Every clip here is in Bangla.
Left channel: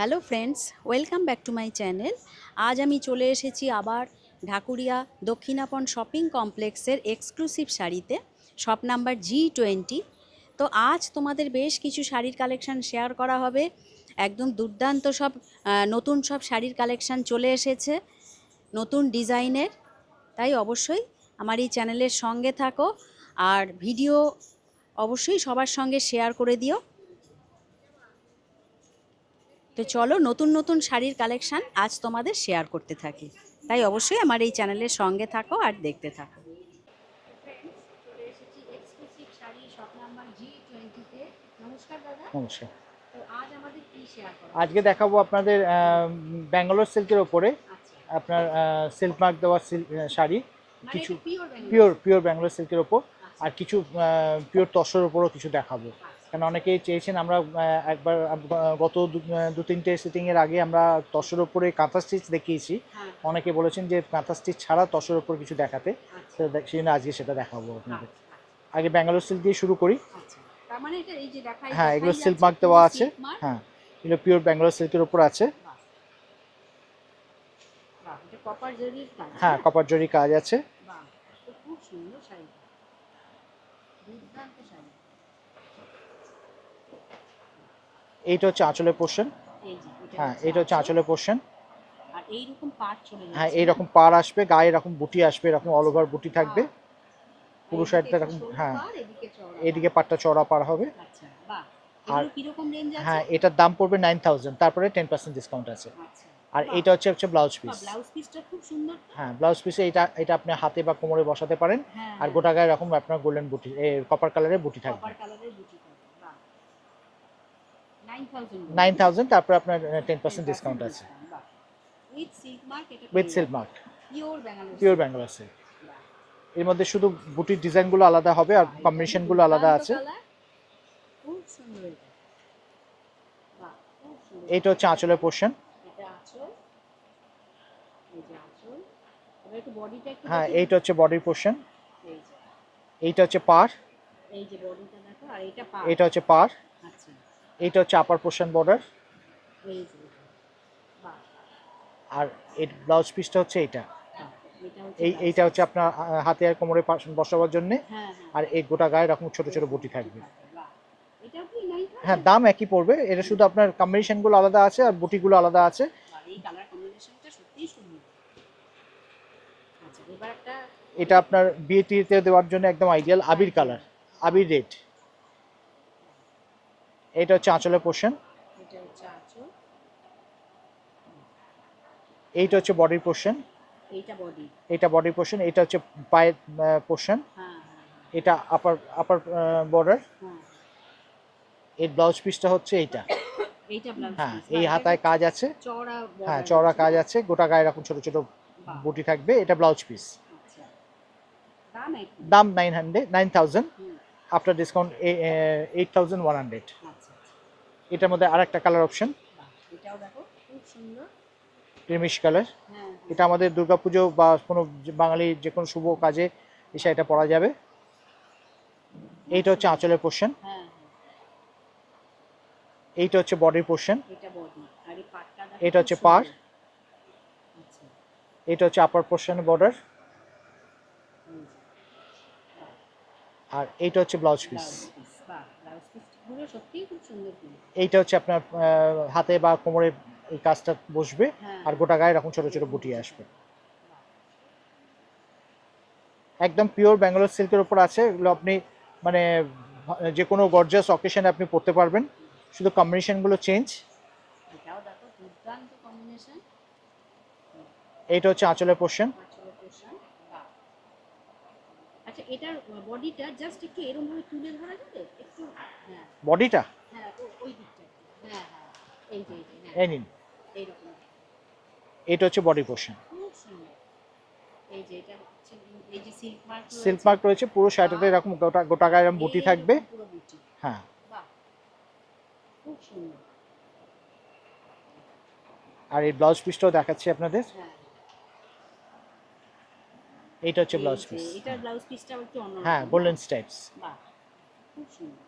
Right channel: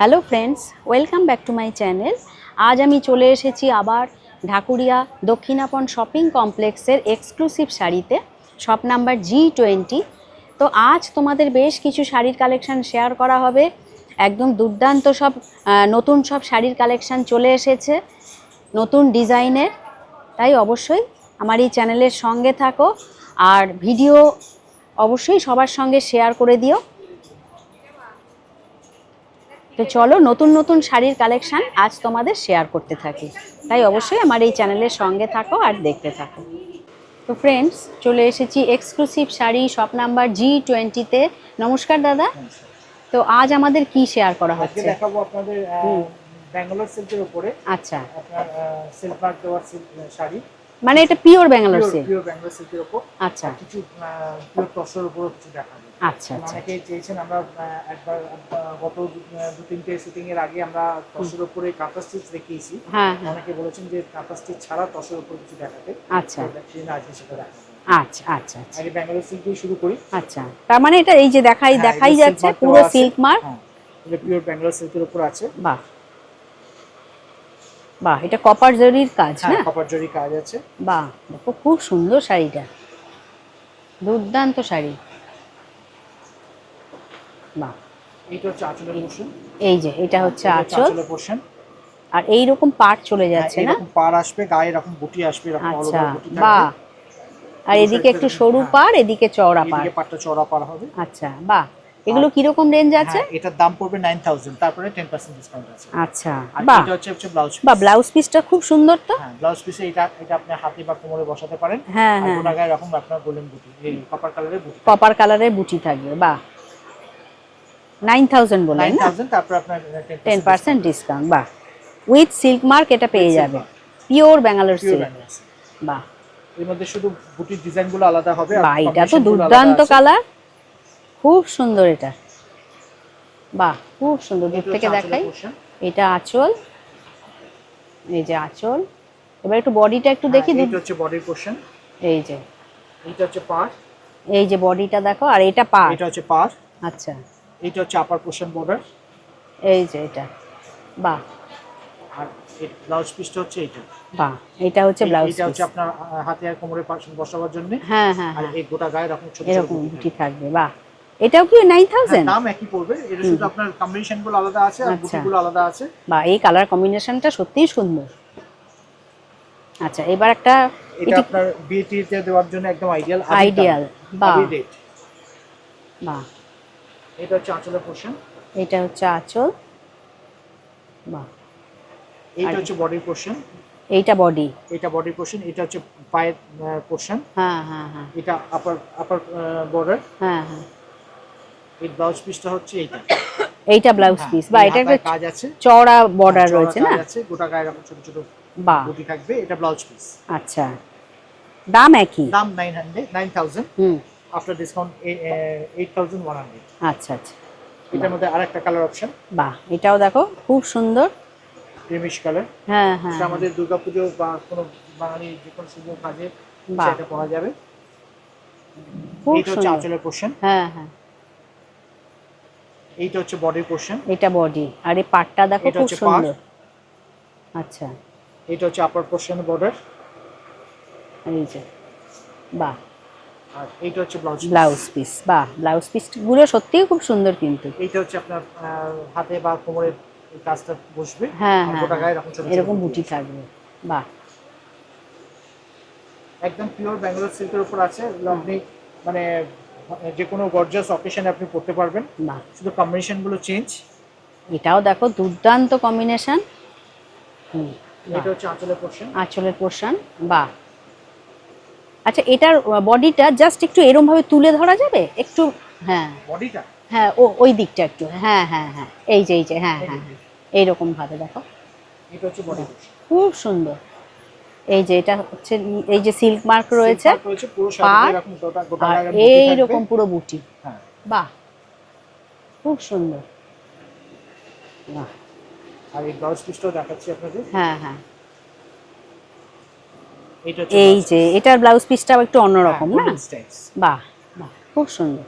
Hello friends, welcome back to my channel. আজ আমি চলে এসেছি আবার ঢাকুরিয়া দক্ষিণাপন শপিং কমপ্লেক্সের এক্সক্লুসিভ শাড়িতে, শপ নাম্বার G20। তো আজ তোমাদের বেশ কিছু শাড়ির কালেকশন শেয়ার করা হবে। একদম দুর্দান্ত সব নতুন সব শাড়ির কালেকশন চলে এসেছে, নতুন ডিজাইনের। তাই অবশ্যই আমার এই চ্যানেলের সঙ্গে থাকো আর ভিডিও অবশ্যই সবার সঙ্গে শেয়ার করে দিও। তো চলো নতুন নতুন শাড়ির কালেকশন আজ তোমাদের শেয়ার করতে থাকি, তাই অবশ্যই আমার এই চ্যানেলের সঙ্গে থাকো আর দেখতে থাকো। তো ফ্রেন্ডস, চলে এসেছি এক্সক্লুসিভ শাড়ি শপ নাম্বার G20-তে। নমস্কার দাদা। নমস্কার। তো আজ আমাদের কি শেয়ার করা আজকে হচ্ছে? দেখাবো আপনাদের ব্যাঙ্গালোর সিল্কের উপরে আচ্ছা, আপনার সিল্ক মার্ক দেওয়া শাড়ি। মানে কিছু এটা pure Bangalore silk? Pure Bangalore সিল্কের উপর। আচ্ছা আর কিছু পিওর তসরের উপরও কিছু দেখাবো। আচ্ছা কারণ আচ্ছা অনেকেই চেয়েছেন, আমরা একবার গত দু তিনটে সিটিং এর আগে আমরা তসরের উপরে কাঁথা স্টিচ দেখিয়েছি। হ্যাঁ হ্যাঁ, অনেকে বলেছেন যে কাঁথা স্টিচ ছাড়া তসরের উপর কিছু দেখাতে। আচ্ছা সেই জন্য আজকে সেটা দেখাবো। আচ্ছা আচ্ছা আচ্ছা আগে ব্যাঙ্গালোর সিল্ক দিয়ে শুরু করি। আচ্ছা, তার মানে এটা এই যে দেখাই হ্যাঁ, দেখাই সিল্ক যাচ্ছে মার্ক পুরো দেওয়া আছে। Silk mark. হ্যাঁ, এটা পিওর ব্যাঙ্গালোর সিল্কের উপর আছে। বাহ বাহ, এটা কপার জরির কাজ হ্যাঁ, না? কপার জরি কাজ আছে। বাহ, দেখো খুব সুন্দর শাড়িটা, দুর্দান্ত শাড়ি। বাহ, এইটা হচ্ছে আঁচলের পোর্শন। এই যে এটা হচ্ছে এটা হচ্ছে আঁচল, আঁচলের পোর্শন। আর এই রকম পাট চলে হ্যাঁ, যাচ্ছে না? এইরকম পাড় আসবে, গায়ে এরকম বুটি আসবে, এরকম অল আচ্ছা, ওভার বুটি থাকবে। বাহ। আর পুরো এদিকে শাড়িটা একটু এরকম। সরু হ্যাঁ, পাড়, এদিকে চওড়া পাড়। এইদিকে পাটটা চড়া পাড় হবে। আচ্ছা, বাহ। আর এগুলো কিরকম রেঞ্জ আছে? হ্যাঁ, এটার দাম পড়বে 9000, তারপরে 10% ডিসকাউন্ট আছে। আচ্ছা, আর বাহ এটা হচ্ছে ব্লাউজ বাহ, পিস। ব্লাউজ পিসটা খুব সুন্দর তো। হ্যাঁ, ব্লাউজ পিসে এটা এটা আপনি হাতে বা কোমরে বসাতে পারেন। হ্যাঁ আর হ্যাঁ গোটা হ্যাঁ, গায়ে এরকম আপনার গোল্ডেন বুটি, কপার কালারের বুটি থাকবে। কপার কালারের বুটি থাকবে, বাহ। 9000 বললেন না? 9000, তারপরে আপনার 10% 10% ডিসকাউন্ট আছে। ডিসকাউন্ট, বাহ। উইথ সিল্ক মার্ক এটা উইথ পেয়ে সিল্ক যাবে, mark, pure Bangalore pure silk. Bangalore silk. বাহ এর মধ্যে শুধু বুটির ডিজাইনগুলো আলাদা হবে, আর বাহ, এটা তো কম্বিনেশনগুলো আলাদা দুর্দান্ত আছে। কালার, খুব সুন্দর এটা। বাহ, খুব সুন্দর, দূর এটা হচ্ছে থেকে আঁচলের দেখাই। পোর্শন। এটা আঁচল, এই যে আঁচল। এবার একটু বডিটা একটু হ্যাঁ, দেখি। এইটা হচ্ছে বডির পোর্শন। এই যে, এইটা হচ্ছে পাড়। এই যে বডিটা দেখো, আর এটা পাড়। এটা হচ্ছে পাড়। আচ্ছা, এইটা হচ্ছে আপার পোর্শন বর্ডার। এই যে এটা, বাহ আর এই ব্লাউজ পিসটা হচ্ছে এইটা। বাহ, এটা হচ্ছে ব্লাউজ এইটা পিস। হচ্ছে আপনার হাতে আর কোমরে বসাবার জন্য। হ্যাঁ হ্যাঁ আর হ্যাঁ, এই গোটা গায়ে এরকম ছোট ছোট এরকম বুটি বুটি থাকবে। থাকবে, বাহ। এটাও কি হ্যাঁ, 9000? দাম একই পড়বে, এটা শুধু আপনার কম্বিনেশন গুলো আলাদা আছে আর আচ্ছা, বুটিগুলো আলাদা আছে। বাহ, এই কালার কম্বিনেশনটা সত্যিই সুন্দর। আচ্ছা, এবার একটা এটা এটি আপনার বিয়েতে দেওয়ার জন্য একদম আইডিয়াল, আবির কালার, আইডিয়াল, বাহ আবির রেড। বাহ। এটা হচ্ছে আঁচলের পোর্শন। এটা হচ্ছে আঁচল, বাহ। এইটা আর হচ্ছে বডির পোর্শন। এইটা বডি। এটা বডির পোর্শন। এটা হচ্ছে পায়ের পোর্শন। হ্যাঁ হ্যাঁ হ্যাঁ এটা আপার আপার বর্ডার। হ্যাঁ হ্যাঁ, এই ব্লাউজ পিসটা হচ্ছে এইটা। এইটা ব্লাউজ হ্যাঁ, পিস, বা এই এটা একটা হাতায় কাজ আছে। চওড়া হ্যাঁ, বর্ডার চওড়া রয়েছে কাজ না? আছে, গোটা গায়ে এরকম ছোট ছোট বাহ, বুটি থাকবে। এটা ব্লাউজ পিস। আচ্ছা, দাম একই? দাম 9000, হুম, আফটার ডিসকাউন্ট 8100। আচ্ছা আচ্ছা, এটার বাহ মধ্যে আরেকটা কালার অপশন, বাহ, এটাও দেখো খুব সুন্দর। Creamish colour. হ্যাঁ হ্যাঁ এটা হ্যাঁ, আমাদের দুর্গাপুজো বা কোনো বাঙালি যে কোনো শুভ কাজে বাহ, সেটা পরা যাবে। খুব এইটা হচ্ছে সুন্দর। আঁচলের পোর্শন। হ্যাঁ হ্যাঁ, এইটা হচ্ছে বডির পোর্শন। এটা বডি, আর এই পাটটা দেখো এটা খুব হচ্ছে পাড়। সুন্দর। আচ্ছা, এটা হচ্ছে আপার পোর্শন বর্ডার। এই যে, বাহ, আর এইটা হচ্ছে ব্লাউজ পিস। ব্লাউজ পিস, বাহ, ব্লাউজ পিস গুলো সত্যিই খুব সুন্দর কিন্তু। এইটা হচ্ছে আপনার হাতে বা কোমরে এই কাজটা বসবে। হ্যাঁ আর হ্যাঁ গোটা হ্যাঁ, গায়ে এরকম ছোট ছোট এরকম বুটি বুটি আসবে। থাকবে, বাহ। একদম পিওর ব্যাঙ্গালোর সিল্কের উপর আছে। এগুলো হ্যাঁ, আপনি মানে যে কোনো গর্জিয়াস অকেশনে আপনি পড়তে পারবেন। বাহ, শুধু কম্বিনেশন গুলো চেঞ্জ। এটাও দেখো দুর্দান্ত কম্বিনেশন। হুম, বাহ, এইটা হচ্ছে আঁচলের পোর্শন। আঁচলের পোর্শন, বাহ। আচ্ছা, এটার বডিটা জাস্ট একটু এরম ভাবে তুলে ধরা যাবে একটু? হ্যাঁ বডিটা হ্যাঁ, ওই দিকটা একটু, হ্যাঁ হ্যাঁ হ্যাঁ, এই যে, হ্যাঁ এই যে, হ্যাঁ হ্যাঁ, এইরকম ভাবে দেখো, এটা হচ্ছে বডি বাহ, পোর্শন। খুব সুন্দর। এই যে এটা হচ্ছে, এই যে সিল্ক মার্ক সিল্ক রয়েছে, মার্ক রয়েছে পুরো শাড়িতে, পাড়, এরকম গোটা গোটা আর গায়ে এরকম বুটি থাকবে। এইরকম পুরো বুটি, হ্যাঁ, বাহ, খুব সুন্দর, বাহ। আর এই ব্লাউজ পিসটাও দেখাচ্ছি আপনাদের। হ্যাঁ হ্যাঁ, এইটা হচ্ছে এই ব্লাউজ যে পিস। এটার ব্লাউজ পিসটাও একটু হ্যাঁ, অন্যরকম না? Golden steps. বাহ বাহ, খুব সুন্দর,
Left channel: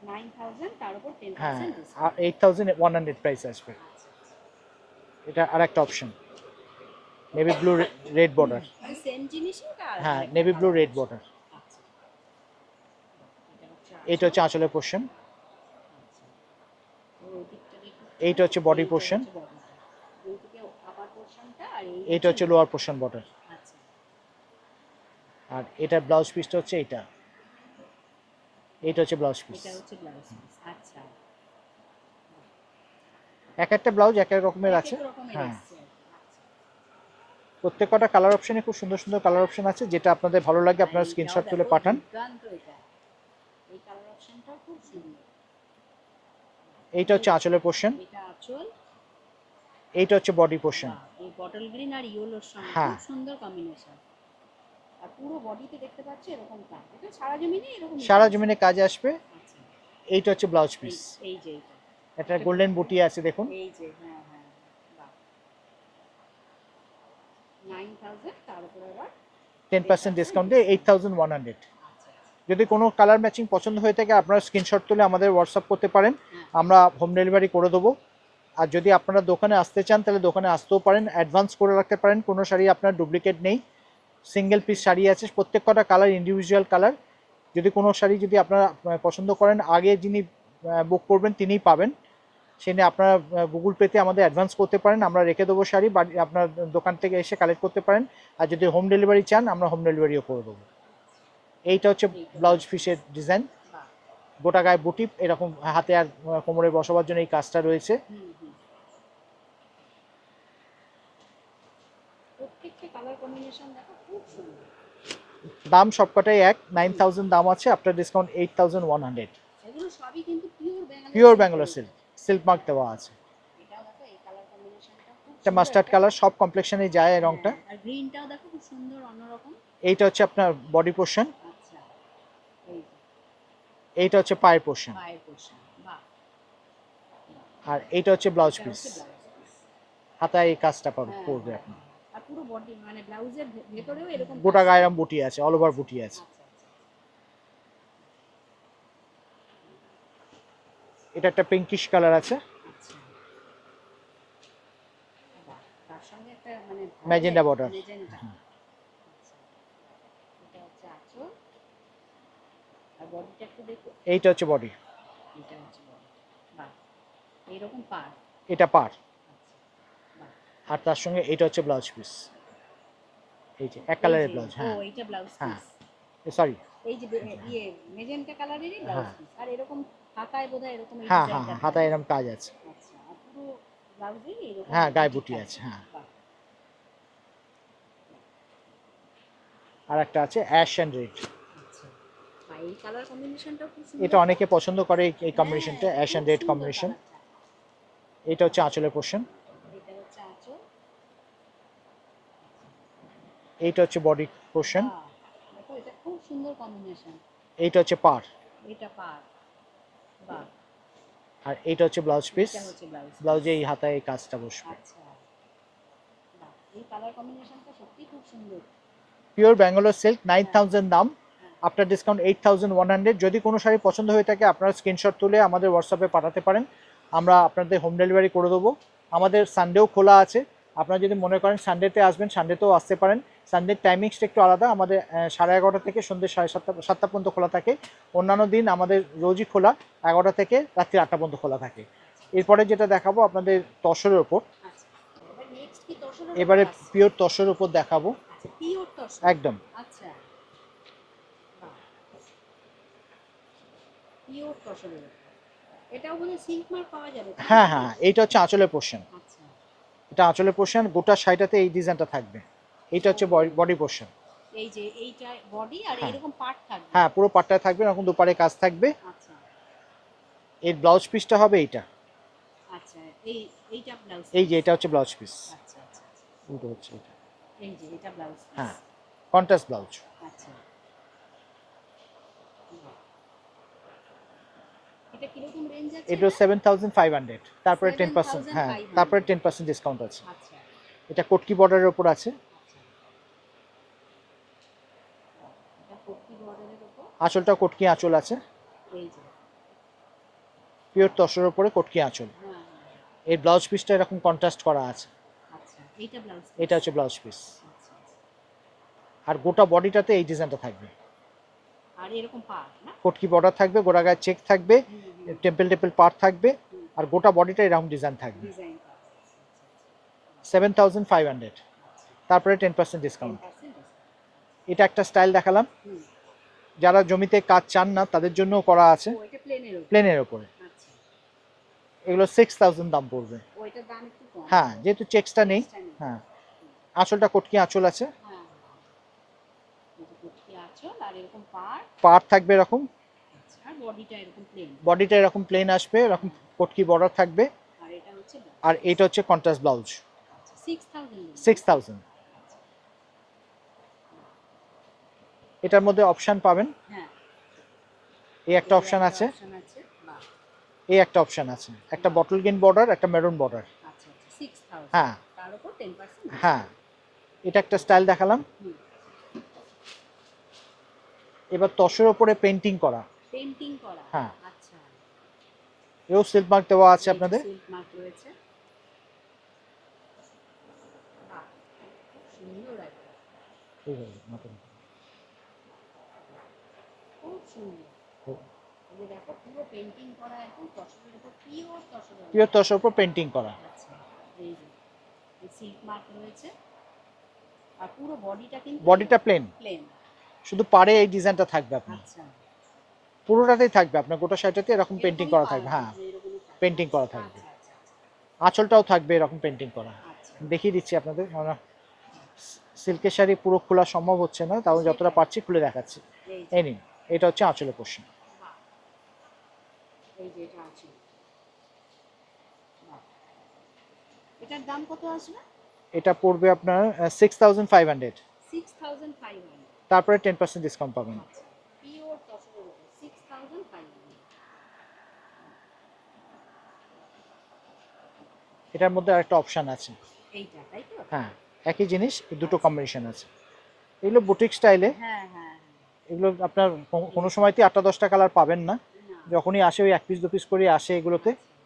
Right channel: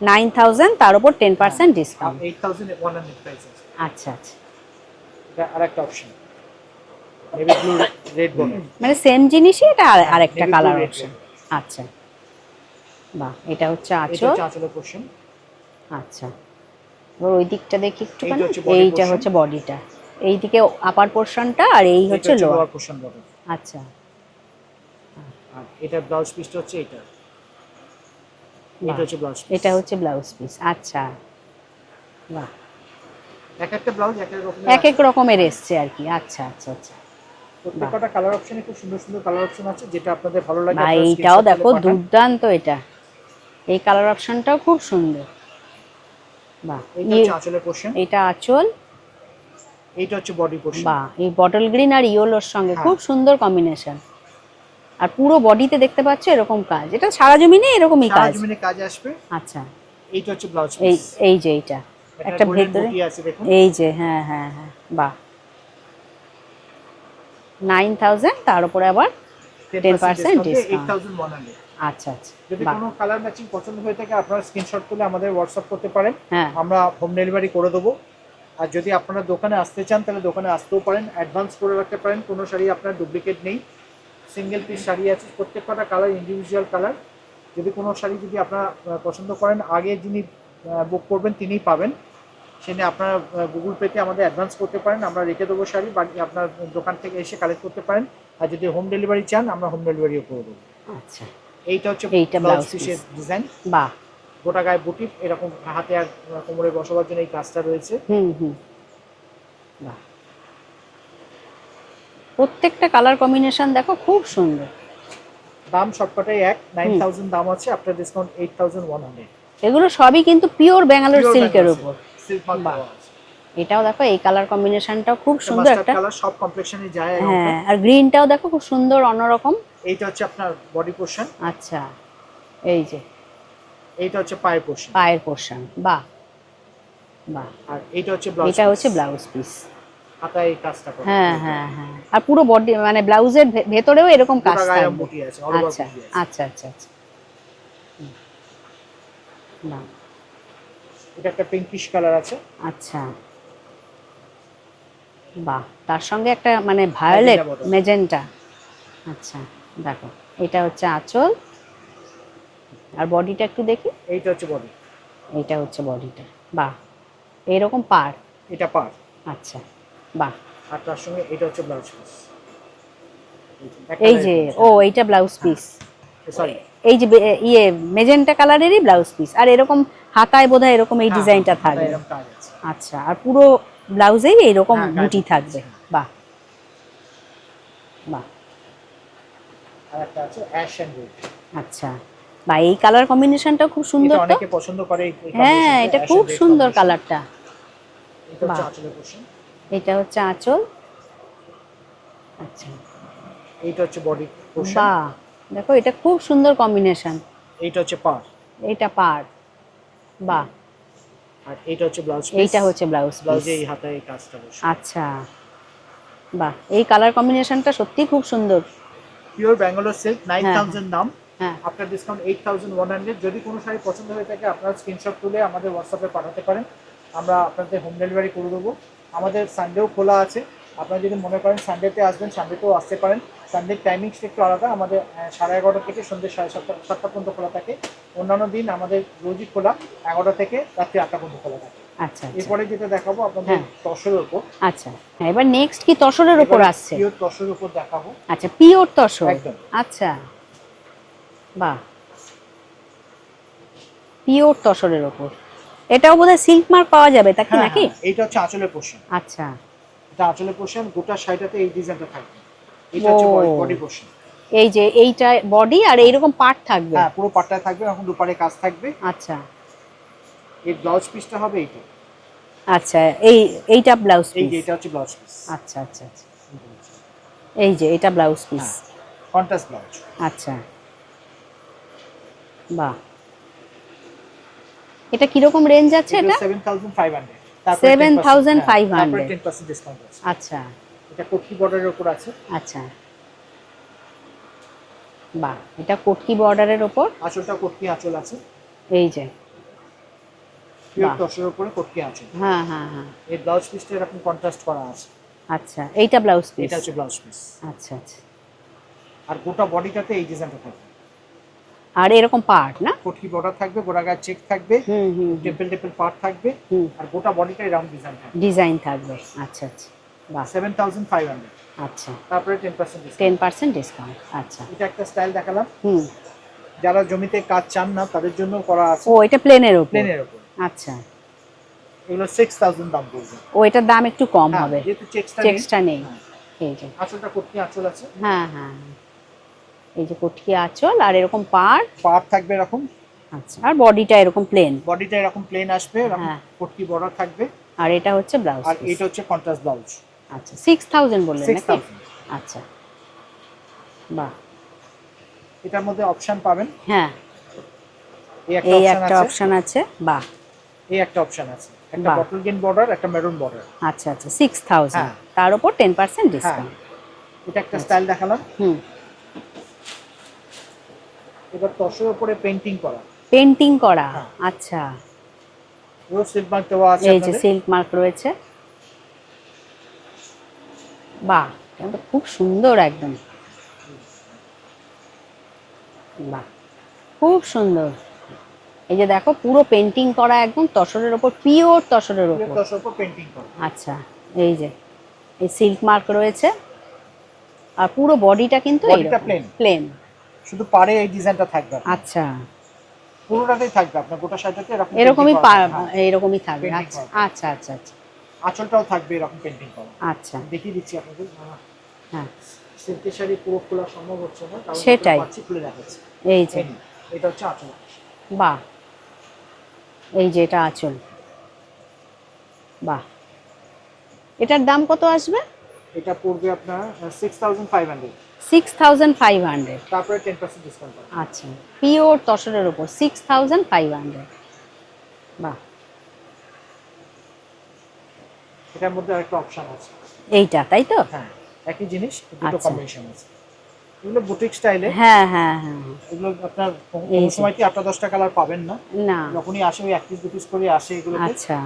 9000, তার উপর 10% ডিসকাউন্ট। 8100 প্রাইস আসবে। আচ্ছা আচ্ছা, এটা আরেকটা option, navy blue red border. মানে সেম জিনিসই, এটা হ্যাঁ, আরেকটা navy blue colour red option. border। আচ্ছা, বাহ, এটা হচ্ছে এটা আঁচল। হচ্ছে আঁচলের পোর্শন। আচ্ছা, এবার ওই দিকটা দেখি একটু। এইটা হচ্ছে body এইটা portion। হচ্ছে বডিটা, এইদিকে আপার পোর্শনটা, আর এই এটা হচ্ছে হচ্ছে লোয়ার। Lower portion border. আচ্ছা, আর এটা ব্লাউজ পিসটা হচ্ছে এটা। এটা বাহ, হচ্ছে ব্লাউজ পিস। এটা হচ্ছে ব্লাউজ পিস। আচ্ছা, বাহ, এক একটা ব্লাউজ এক এক রকমের এক আছে। এক রকমের এসছে আর কি। আচ্ছা আচ্ছা আচ্ছা, প্রত্যেকটা কালার অপশনে খুব সুন্দর সুন্দর কালার অপশন আছে, যেটা আপনাদের ভালো লাগে বা আপনারা এইটাও স্ক্রিনশট তুলে দেখো পাঠান। দুর্দান্ত, এটা এই কালার অপশনটাও খুব সুন্দর। বাহ, এইটা হচ্ছে আঁচলের পোর্শন। এটা আঁচল। এইটা হচ্ছে বডি পোর্শন। বাহ, এই বটল গ্রিন আর ইয়েলোর সঙ্গে হ্যাঁ। খুব সুন্দর কম্বিনেশন। আর পুরো বডিতে দেখতে পাচ্ছ এরকম কাজ, এটা সারা জমিনে এরকমই সারা কাজ। জমিনে কাজ আসবে। আচ্ছা, এইটা হচ্ছে ব্লাউজ এই পিস। এই যে এইটা এটা একটা গোল্ডেন ভেতরে, বুটি আছে দেখুন। এই যে, হ্যাঁ হ্যাঁ হ্যাঁ, বাহ, 9000, তার উপরে আবার 10% 10% ডিসকাউন্টে ডিসকাউন্ট। 8100। আচ্ছা আচ্ছা, যদি বাহ, কোনো কালার ম্যাচিং পছন্দ হয়ে থাকে আপনারা স্ক্রিনশট তুলে আমাদের হোয়াটসঅ্যাপ করতে পারেন, হ্যাঁ আমরা হোম ডেলিভারি করে দেবো। আর যদি আপনারা দোকানে আসতে চান তাহলে দোকানে আসতেও পারেন, অ্যাডভান্স করে রাখতে পারেন। কোনো শাড়ি আপনার ডুপ্লিকেট নেই, সিঙ্গেল পিস শাড়ি আছে, প্রত্যেক কটা কালার ইন্ডিভিজুয়াল কালার। যদি কোনো শাড়ি যদি আপনারা পছন্দ করেন, আগে যিনি বুক করবেন তিনিই পাবেন। সে নিয়ে আপনারা গুগল পেতে আমাদের অ্যাডভান্স করতে পারেন, আমরা রেখে দেবো শাড়ি, বাকি আপনার দোকান থেকে এসে কালেক্ট করতে পারেন। আর যদি হোম ডেলিভারি চান আমরা হোম ডেলিভারিও করে দেবো। আচ্ছা, এইটা হচ্ছে এইটা ব্লাউজ ব্লাউজ পিসের পিস। ডিজাইন। বাহ, গোটা গায়ে বুটি, এরকম হাতে আর কোমরে বসাবার জন্য এই কাজটা রয়েছে। হুম হুম, বাহ, প্রত্যেকটা কালার কম্বিনেশন দেখো খুব সুন্দর। দাম সবকটাই এক, 9000 দাম আছে, আপনার ডিসকাউন্ট 8100। এগুলো সবই কিন্তু পিওর ব্যাঙ্গালোর পিওর সিল্কের ব্যাঙ্গালোর উপর। সিল্ক মার্ক বাহ, দেওয়া আছে। এটাও দেখো, এই কালার কম্বিনেশনটাও খুব এটা সুন্দর মাস্টার্ড একটা। কালার, সব কমপ্লেক্সনে যায় এই রংটা। হ্যাঁ, আর গ্রিনটাও দেখো খুব সুন্দর অন্যরকম। এইটা হচ্ছে আপনার বডি পোর্শন। আচ্ছা, এই যে এইটা হচ্ছে পায়ের পোর্শন। পায়ের পোর্শন, বাহ বাহ, আর এইটা হচ্ছে ব্লাউজ এটা পিস। হচ্ছে ব্লাউজ পিস। হাতায় এই কাজটা করা। হ্যাঁ হ্যাঁ হ্যাঁ, আর পুরো বডি মানে ব্লাউজের ভেতরেও এরকম কাজ গোটা গায়ে থাকবে। বুটি আছে, অল ওভার আচ্ছা বুটি আছে। আচ্ছা আচ্ছা আচ্ছা, বাহ, এটা একটা পিঙ্কিশ কালার আছে। আচ্ছা, বাহ, তার সঙ্গে একটা মানে ভায়োলেট Magenta border। মেজেন্টা। আচ্ছা, দেখো, এটা হচ্ছে আঁচল, আর বডিটা একটু দেখি। এইটা হচ্ছে বডি। এইটা হচ্ছে বডিটা, বাহ, এইরকম পার। এটা পার। আচ্ছা, বাহ, আর তার সঙ্গে এটা হচ্ছে ব্লাউজ পিস। এই যে, ও এইটা ব্লাউজ পিস। সরি, এই যে ইয়ে মেজেন্টা কালারেরই ব্লাউজ পিস, আর এরকম হাতায় বোধহয় এরকম এই ডিজাইনটা থাকবে। এরকম কাজ আছে। আচ্ছা, আর পুরো ব্লাউজেই এইরকম হ্যাঁ, গায়ে বুটি বুটি থাকবে। আছে, হ্যাঁ। বাহ বাহ, আর একটা আছে অ্যাশ এন্ড রেড। আচ্ছা, বা এই কালার কম্বিনেশনটা খুব সুন্দর এটা তো। অনেকে পছন্দ করে এই হ্যাঁ, কম্বিনেশনটা, এটা অ্যাশ খুব এন্ড রেড সুন্দর কম্বিনেশন। কালারটা। এটা হচ্ছে বাহ। আঁচলের পোর্শন। এটা হচ্ছে আঁচল। আচ্ছা, এইটা হচ্ছে বডি পোর্শন। বাহ, দেখো এটা খুব সুন্দর কম্বিনেশন। এইটা হচ্ছে পার। এইটা পার, বাহ, আর এইটা হচ্ছে ব্লাউজ পিস। এইটা হচ্ছে ব্লাউজ পিস। ব্লাউজে এই হাতায় এই কাজটা বসে। আচ্ছা, বাহ, এই কালার কম্বিনেশনটা সত্যি খুব সুন্দর। পিওর ব্যাঙ্গালোর সিল্ক, হ্যাঁ 9000 দাম। হ্যাঁ, আফটার ডিসকাউন্ট 8100। যদি কোনো শাড়ি পছন্দ হয়ে থাকে আপনারা স্ক্রিনশট তুলে আমাদের হোয়াটসঅ্যাপে পাঠাতে পারেন, আমরা আপনাদের হোম ডেলিভারি করে দেবো। আমাদের সানডেও খোলা আছে, আপনারা যদি মনে করেন সানডেতে আসবেন সানডেতেও আসতে পারেন। সানডের টাইমিংসটা একটু আলাদা, আমাদের 11:30 থেকে সন্ধ্যে 7:30 পর্যন্ত খোলা থাকে। অন্যান্য দিন আমাদের রোজই খোলা, 11টা থেকে রাত্রি 8টা পর্যন্ত খোলা থাকে। আচ্ছা, এরপরে যেটা দেখাবো আপনাদের হ্যাঁ। তসরের উপর। আচ্ছা, হ্যাঁ, এবার নেক্সট কি তসরের উপর এবারে আসছে? পিওর তসরের উপর দেখাবো। আচ্ছা, পিওর তসর। একদম। আচ্ছা, বাহ, পিওর তসরের উপর। এটাও বোধহয় সিল্ক মার্ক পাওয়া যাবে তা কি হ্যাঁ নাকি? হ্যাঁ, এইটা হচ্ছে আঁচলের পোর্শন। আচ্ছা, এটা আঁচলের পোর্শন, গোটা শাড়িটাতে এই ডিজাইনটা থাকবে। এটা হচ্ছে ও। Body portion. এই যে এইটা বডি, আর এইরকম পার্ট থাকবে। হ্যাঁ, পুরো পাটটায় থাকবে, এরকম দুপারে কাজ থাকবে। আচ্ছা এই ব্লাউজ পিসটা হবে এইটা। আচ্ছা, এইটা ব্লাউজ এই পিস। যে এটা হচ্ছে ব্লাউজ পিস। আচ্ছা আচ্ছা আচ্ছা, এই যে এটা ব্লাউজ পিস। হ্যাঁ, কন্ট্রাস্ট ব্লাউজ। আচ্ছা, বাহ, এটা কিরকম রেঞ্জ আছে এটা এটা? 7500। 7500 তারপরে 10% ডিসকাউন্ট আছে। আচ্ছা এটা কোটকি বর্ডারের উপর আছে। আচ্ছা, বাহ, এটা কোটকি বর্ডারের ওপর। আঁচলটা কোটকি আঁচল আছে। এই যে, পিওর বাহ। তসরের উপরে কটকি আঁচল। হ্যাঁ হ্যাঁ হ্যাঁ। এই ব্লাউজ পিসটা এরকম কন্ট্রাস্ট করা আছে। আচ্ছা, এইটা ব্লাউজ পিস। এটা হচ্ছে ব্লাউজ পিস। আচ্ছা আচ্ছা। আর গোটা বডিটাতে এই ডিজাইনটা থাকবে। আর এরকম পার্ট না? কটকি বর্ডার থাকবে, গোড়া গায়ে চেক থাকবে, হুম হুম টেপল টেপল পার্ট থাকবে, হুম। আর গোটা বডিটাই রাউন্ড ডিজাইন থাকবে। ডিজাইন থাকবে। আচ্ছা আচ্ছা। বাহ। 7500। আচ্ছা। তারপরে 10% ডিসকাউন্ট। 10% ডিসকাউন্ট। আচ্ছা। এটা একটা স্টাইল দেখালাম। হুম। যারা জমিতে কাজ চান না তাদের জন্য করা আছে। ও, এটা প্লেনের উপর? প্লেনের উপরে। আচ্ছা। এগুলো 6000 দাম পড়বে। ও, এটার দাম একটু কম হ্যাঁ, হবে যেহেতু চেকসটা নেই। চেকসটা নেই। হ্যাঁ, এই যে। আঁচলটা কটকি আঁচল আছে। হ্যাঁ হ্যাঁ হ্যাঁ। এই যে কটকি আঁচল আর এরকম পাড়। পাড় থাকবে এরকম। আচ্ছা, আর বডিটা এরকম প্লেন? বডিটা এরকম প্লেন আসবে, এরকম হ্যাঁ। কটকি বর্ডার থাকবে। আর এটা হচ্ছে ব্লাউজ আর পিস। এটা হচ্ছে কন্ট্রাস্ট ব্লাউজ। আচ্ছা, 6000 বললেন নাকি? 6000। আচ্ছা। বাহ। এটার মধ্যে অপশন পাবেন। হ্যাঁ, এই একটা এই অপশন একটা আছে, অপশন আছে। বাহ। এই একটা অপশন আছে, একটা বাহ। বটল গ্রিন বর্ডার, একটা মেরুন বর্ডার। আচ্ছা আচ্ছা, 6000 হ্যাঁ। তার উপর 10% হ্যাঁ, ডিসকাউন্ট। এটা একটা স্টাইল দেখালাম। হুম। এবার তসরের উপরে পেইন্টিং করা। পেইন্টিং করা। হ্যাঁ। আচ্ছা। এও সিল্ক মার্ক দেওয়া আছে এই যে আপনাদের। সিল্ক মার্ক রয়েছে। বাহ, এটা তো খুব সুন্দর একদম। বাহ, খুব সুন্দর। এই যে দেখো, পুরো পেইন্টিং করা একদম তসরের উপর, পিওর তসরের পিওর উপর। তসরের উপর পেইন্টিং করা। আচ্ছা। এই যে এই সিল্ক মার্ক রয়েছে, আর পুরো বডিটা কিন্তু বডিটা প্লেন। প্লেন। শুধু পাড়ে এই ডিজাইনটা থাকবে। আচ্ছা। পুরোটাতেই থাকবে আপনার গোটা শাড়িটাতে এরকম এরকমই painting করা থাকবে। হ্যাঁ, এরকমই থাকবে। পেইন্টিং করা থাকবে। আচ্ছা আচ্ছা আচ্ছা। আঁচলটাও থাকবে এরকম পেইন্টিং করা। আচ্ছা। দেখিয়ে দিচ্ছি আপনাদের। হ্যাঁ, সিল্কের শাড়ি পুরো খোলা সম্ভব হচ্ছে না, তাও যতটা সেটাই। পারছি খুলে দেখাচ্ছি। এই যে। এই নিন, এটা হচ্ছে আঁচলের পোর্শন। বাহ। এই যে এটা আঁচল। বাহ। এটার দাম কত আসবে? এটা পড়বে আপনার 6500। 6500। তারপরে 10% ডিসকাউন্ট পাবেন। আচ্ছা, পিওর তসরের উপর 6500। বাহ। এটার মধ্যে আরেকটা অপশন আছে। এইটা তাই তো? হ্যাঁ, একই জিনিস দুটো আচ্ছা। কম্বিনেশন আছে। এগুলো বুটিক স্টাইলে। হ্যাঁ হ্যাঁ হ্যাঁ। এগুলো আপনার এই কোনো যে। সময়তে 8-10টা কালার পাবেন না। না। যখনই আসে ওই 1 পিস 2 পিস করে আসে এগুলোতে। আচ্ছা।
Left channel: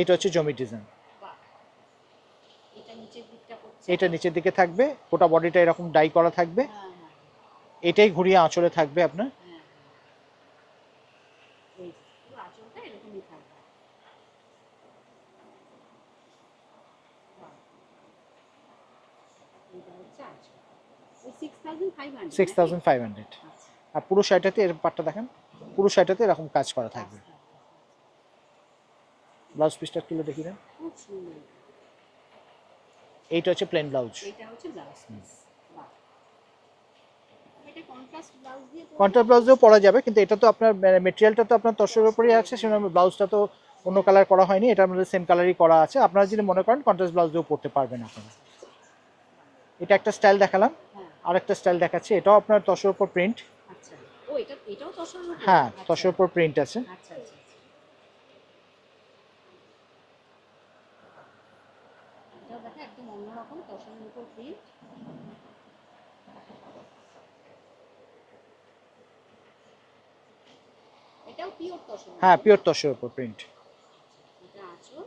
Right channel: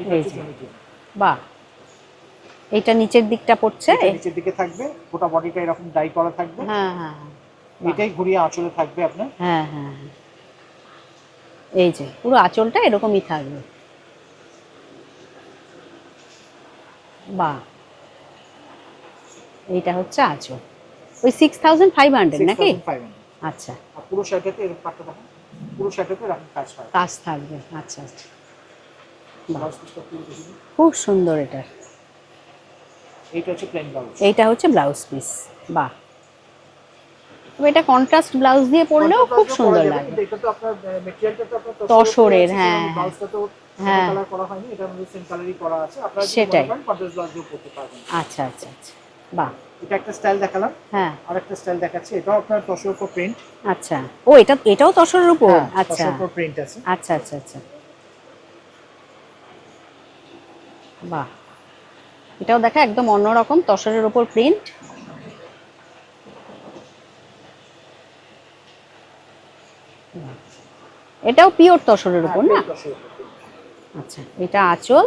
এটা এই হচ্ছে যে। জমি ডিজাইন। বাহ। এটা নিচের দিকটা পড়ছে? এটা নিচের দিকে থাকবে, গোটা বডিটা এরকম ডাই করা থাকবে। হ্যাঁ হ্যাঁ হ্যাঁ। এটাই ঘুরিয়ে আঁচলে থাকবে আপনার। হ্যাঁ হ্যাঁ হ্যাঁ। এই যে পুরো আঁচলটা এরকমই থাকবে। বাহ। এইটা হচ্ছে আঁচল। ওই 6500 নাকি? 6500। আচ্ছা। আর পুরো শাড়িটাতে এর পাটটা দেখেন, পুরো শাড়িটাতে এরকম কাজ করা কাজ থাকবে। আচ্ছা আচ্ছা। ব্লাউজ পিসটা খুলে দেখি দেন। খুব সুন্দর এটা। এইটা হচ্ছে প্লেন ব্লাউজ। এইটা হচ্ছে ব্লাউজ পিস। বাহ। তবে এটা কন্ট্রাস্ট ব্লাউজ দিয়ে পরলেও খুব ব্লাউজও পরা সুন্দর যাবে, লাগবে। কিন্তু এটা তো আপনার ম্যাটেরিয়ালটা তো আপনার তসরের উপরে তসরের, আছে, হ্যাঁ, সেজন্য ব্লাউজটা তো কোনো হ্যাঁ। কালার করা হয়নি, এটার মধ্যে সেম কালারই করা আছে। আপনারা যদি মনে সেটাই। করেন কন্ট্রাস্ট ব্লাউজ দিয়েও পরতে পারবেন। আচ্ছা আচ্ছা আচ্ছা। বাহ। এটা একটা স্টাইল দেখালাম। হ্যাঁ। আরেকটা স্টাইল দেখাচ্ছি, এটাও আপনার তসরের উপর প্রিন্ট। আচ্ছা। ও, এটাও তসরের উপর? হ্যাঁ, আচ্ছা তসরের উপর প্রিন্ট আছে। আচ্ছা আচ্ছা আচ্ছা। বাহ। এটাও দেখা একদম অন্যরকম তসরের উপর প্রিন্ট। এটাও পিওর তসরের হ্যাঁ, উপর পিওর না? তসরের উপর প্রিন্ট। আচ্ছা, এটা আঁচল।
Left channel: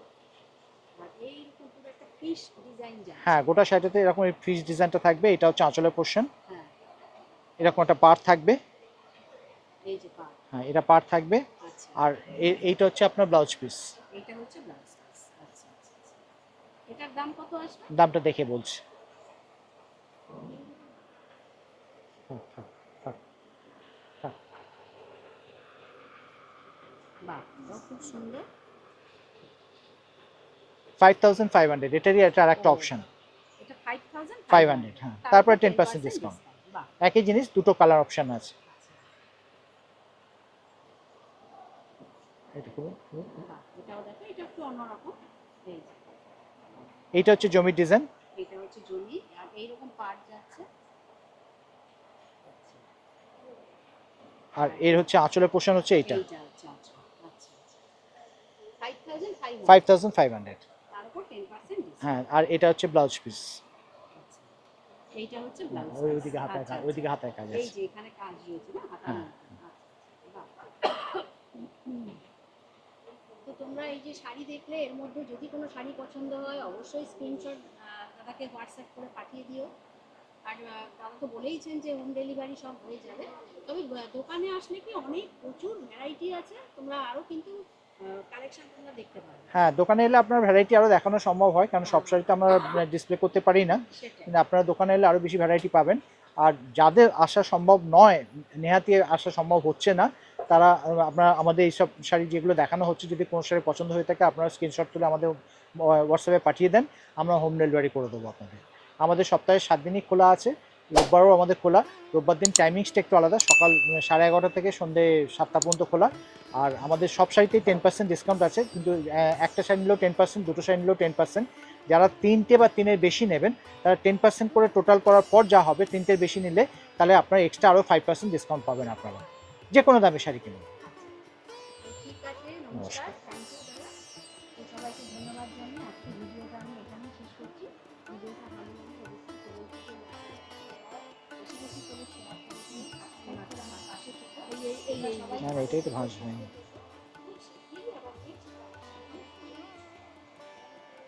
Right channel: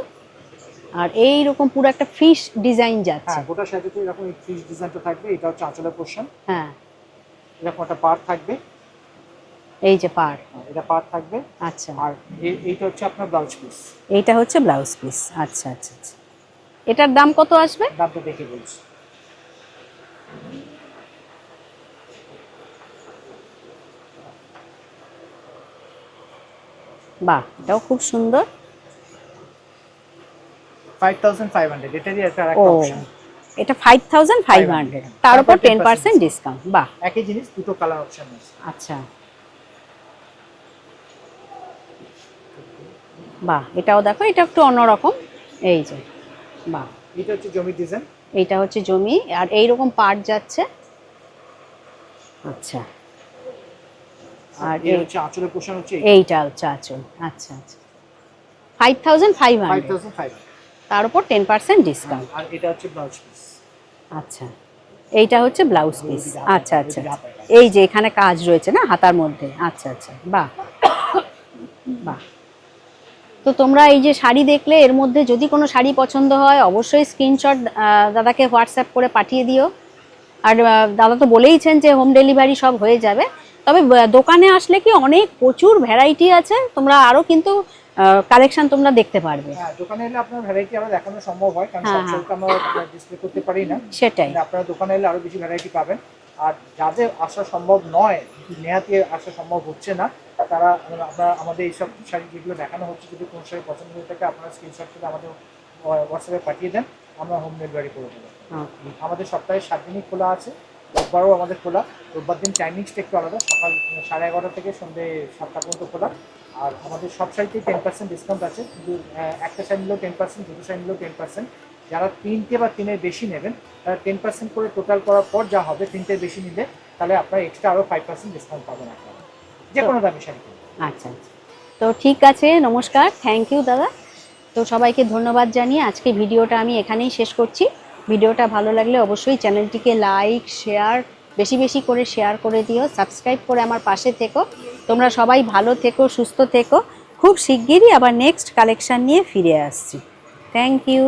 আর এই রকম পুরো একটা ফিশ ডিজাইন যাচ্ছে। হ্যাঁ, গোটা শাড়িতে এরকম এই ফিশ ডিজাইনটা থাকবে। এটা হচ্ছে আঁচলের পোর্শন। হ্যাঁ। এরকম একটা পাড় থাকবে। এই যে পাড়। হ্যাঁ, এটা পাড় থাকবে। আচ্ছা। আর এইটা হচ্ছে আপনার ব্লাউজ পিস। এইটা হচ্ছে ব্লাউজ পিস। আচ্ছা আচ্ছা আচ্ছা। এটার দাম কত আসবে? দামটা দেখে বলছি। বাহ, এটাও খুব সুন্দর। 5500। এটারই একটা ও, আরেকটা অপশন। এটা 5500, তার উপর 10% ডিসকাউন্ট। বাহ। একই জিনিস, দুটো কালার অপশন আছে। আচ্ছা। বাহ, এটাও দেখো, এটা একটু অন্যরকম। এই যে। বাহ। এটা হচ্ছে জমি ডিজাইন। এইটা হচ্ছে জমি, আর এইরকম পাট যাচ্ছে। আচ্ছা। আর আর এর হচ্ছে আঁচলের পোর্শন হচ্ছে এইটা হচ্ছে আঁচল। আচ্ছা আচ্ছা। 5500, 5500। তার উপর 10% ডিসকাউন্ট। আর এটা হচ্ছে ব্লাউজ পিস। আচ্ছা, এইটা হচ্ছে ব্লাউজ পিস। ওইদিকে হাতা, আচ্ছা আচ্ছা। ওইদিকে হাতায় কাজ। এই যে এখানে কাজ রয়েছে না হাতার মধ্যে। আচ্ছা আচ্ছা। বাহ। বাহ, তো তোমরা এই যে শাড়ি দেখলে, এর মধ্যে যদি কোনো শাড়ি পছন্দ হয় অবশ্যই স্ক্রিনশট দাদাকে হোয়াটসঅ্যাপ করে পাঠিয়ে দিও। আর দাদা তো বলেইছেন যে হোম ডেলিভারি সব হয়ে যাবে। তবে দোকানে আসলে কি অনেক প্রচুর ভ্যারাইটি আছে, তোমরা আরও কিন্তু কালেকশন তোমরা দেখতে পারবে। হ্যাঁ, দোকানে এলে আপনার ভ্যারাইটি আরো দেখানো সম্ভব হয়, কারণ হ্যাঁ, সব শাড়ি তো আমরা ডিসপ্লে করতে পারি না। সেটাই। আপনারা দোকানে এলে আরো বেশি ভ্যারাইটি পাবেন। আর যাদের আসা সম্ভব নয়, নেয়াতে আসা সম্ভব হচ্ছে না, তারা আমরা আমাদের এইসব শাড়ি যেগুলো দেখানো হচ্ছে, যদি কোনো শাড়ি পছন্দ হয়ে থাকে আপনারা স্ক্রিনশট করে আমাদের হোয়াটসঅ্যাপে পাঠিয়ে দেন, আমরা হোম ডেলিভারি করে দেবো আপনাদের। আমাদের সপ্তাহে 7 দিনই খোলা আছে, রোববারও আমাদের খোলা। রোববার দিন টাইমিংসটা একটু আলাদা, সকাল 11:30 থেকে সন্ধ্যে 7টা পর্যন্ত খোলা। আর আমাদের সব শাড়িতেই 10% ডিসকাউন্ট আছে, কিন্তু একটা শাড়ি নিলেও 10%, দুটো শাড়ি নিলেও 10%। যারা 3টে বা 3-এর বেশি নেবেন তারা 10% করে টোটাল করার পর যা হবে, 3টের বেশি নিলে তাহলে আপনারা এক্সট্রা আরও 5% ডিসকাউন্ট পাবেন আপনারা, যে কোনো দামে শাড়ি কিনবেন। আচ্ছা, তো ঠিক আছে, নমস্কার, থ্যাংক ইউ দাদা। তো সবাইকে ধন্যবাদ জানিয়ে আজকে ভিডিওটা আমি এখানেই শেষ করছি। ভিডিওটা ভালো লাগলে অবশ্যই চ্যানেলটিকে লাইক, শেয়ার, বেশি বেশি করে শেয়ার করে দিও, সাবস্ক্রাইব করে আমার পাশে থেকো। তোমরা সবাই ভালো থেকো, সুস্থ থেকো। খুব শিগগিরই আবার নেক্সট কালেকশন নিয়ে ফিরে আসছি। Thank you.